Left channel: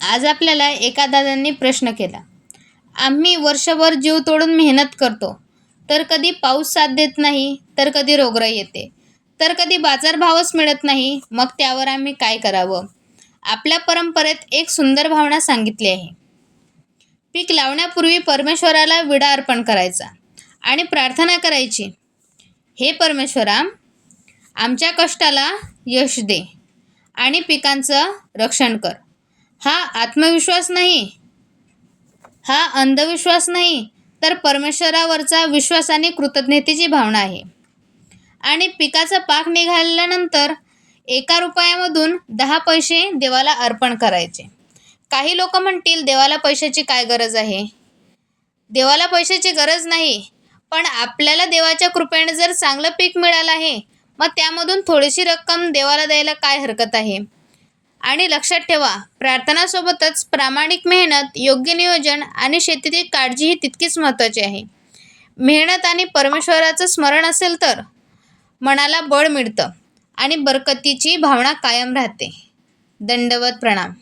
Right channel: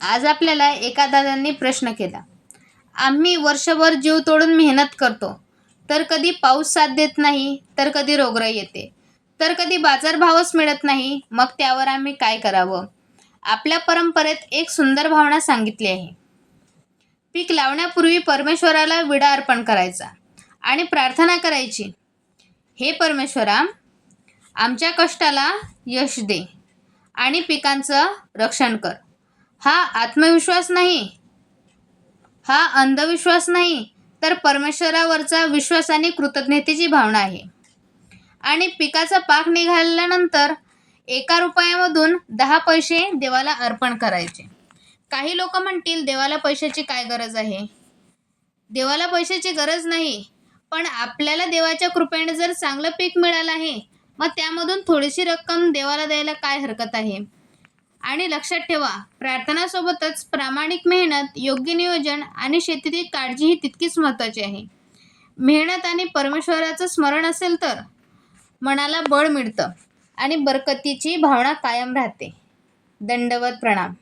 आज आपल्याला एका दादांनी प्रश्न केला. आम्ही वर्षभर जीव तोडून मेहनत करतो, तर कधी पाऊस साथ देत नाही, तर कधी रोगराई येते, तर कधी बाजारभावच मिळत नाही. मग त्यावर आम्ही काय करावं? आपल्या परंपरेत एक सुंदर भावना सांगितली आहे. पीक लावण्यापूर्वी परमेश्वराला विडा अर्पण करायचा आणि प्रार्थना करायची, हे परमेश्वरा, आमच्या कष्टाला यश दे आणि पिकांचं रक्षण कर. हा आत्मविश्वास नाही, हा अंधविश्वास नाही, तर परमेश्वरावरचा विश्वास आणि कृतज्ञतेची भावना आहे. आणि पिकाचा पाक निघाल्यानंतर 1 रुपयामधून 10 पैसे देवाला अर्पण करायचे. काही लोक म्हणतील, देवाला पैशाची काय गरज आहे? देवाला पैशाची गरज नाही, पण आपल्याला देवाच्या कृपेने जर चांगलं पीक मिळालं आहे, मग त्यामधून थोडीशी रक्कम देवाला द्यायला काय हरकत आहे? आणि लक्षात ठेवा, प्रार्थनासोबतच प्रामाणिक मेहनत, योग्य नियोजन आणि शेतीची काळजी ही तितकीच महत्त्वाची आहे. मेहनत आणि परमेश्वराचं स्मरण असेल तर मनाला बळ मिळतं आणि बरकतीची भावना कायम राहते. दंडवत प्रणाम.